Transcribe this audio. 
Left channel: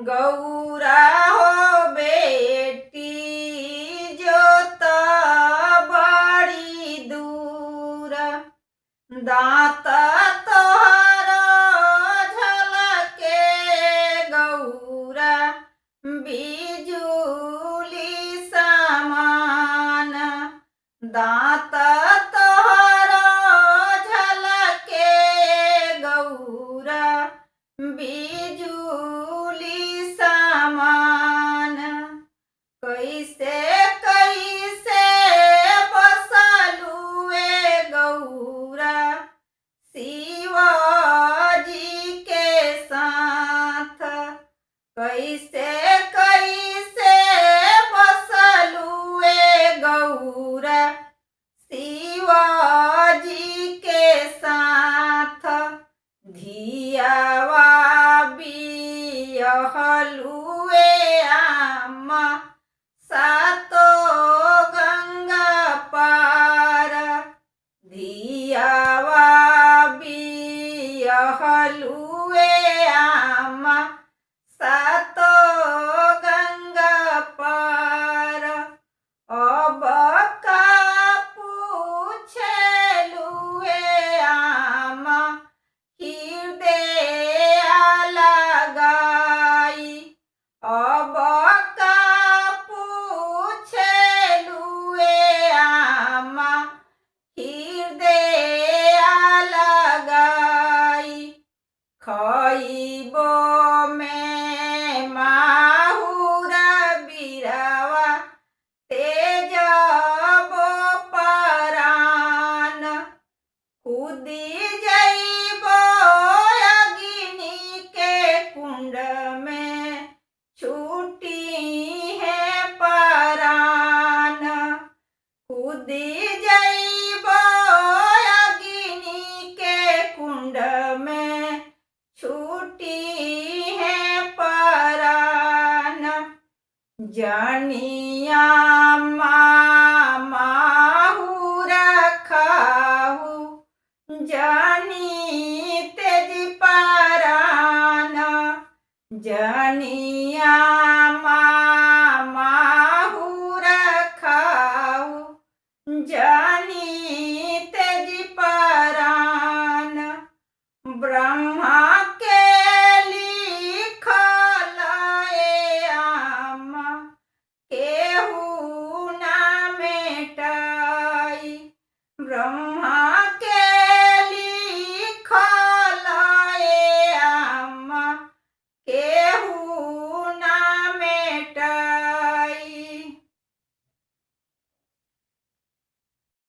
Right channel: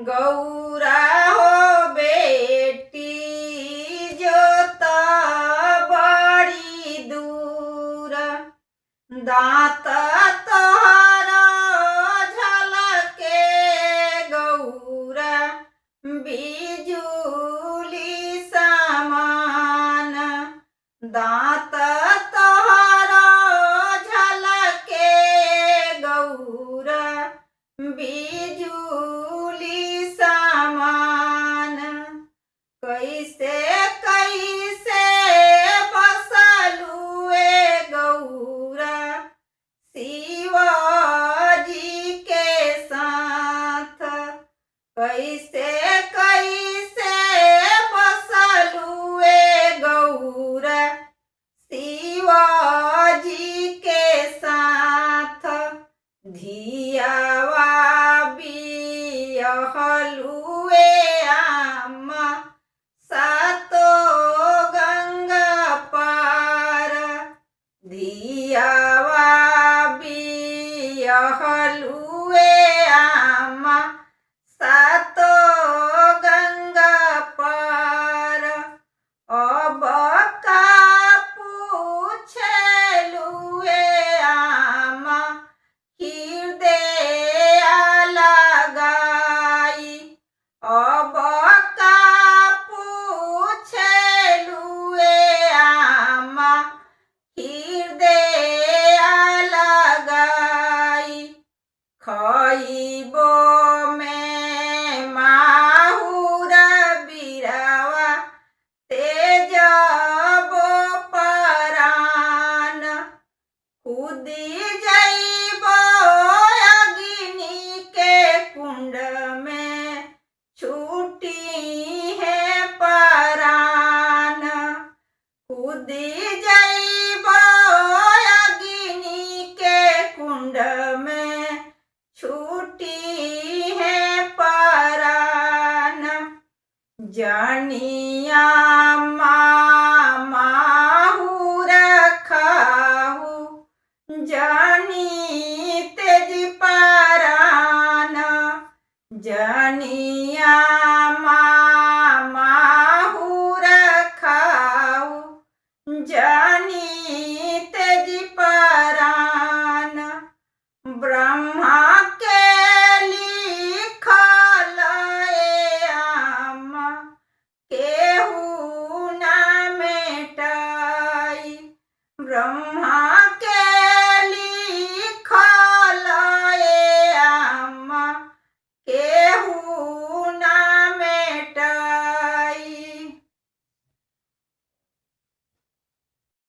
गौरा हो बेटी जोत बड़ी दूर, दांत तोहर झलके गौरा बिजुली समान, दांत तोहर झलके गौरा बिजुली समान। कैसे कैसे बसलुए गौरा शिवाजी के साथ, कैसे कैसे बसलुए गौरा शिवाजी के साथ। धियावा बिहलुए आमा सातो गंगा पार, धियावा बिहलुए आमा सातो गंगा पार। अब का पूछलुए आमा हृदय लगाई, अब का पूछलुए आमा हृदय लगाई। खइबो में माहुर बिरवा तेजबो परान, कूदी जइबो अग्नि के कुंड में छूटी है परान, कूदी जइबो अग्नि के कुंड में छूटी है परान। जनिया माहुर खाहु जनी तेज परान, जनिया माहुर खाहु जनी तेज परान। ब्रह्मा के लिखल आमा केहू ना मेटाई, ब्रह्मा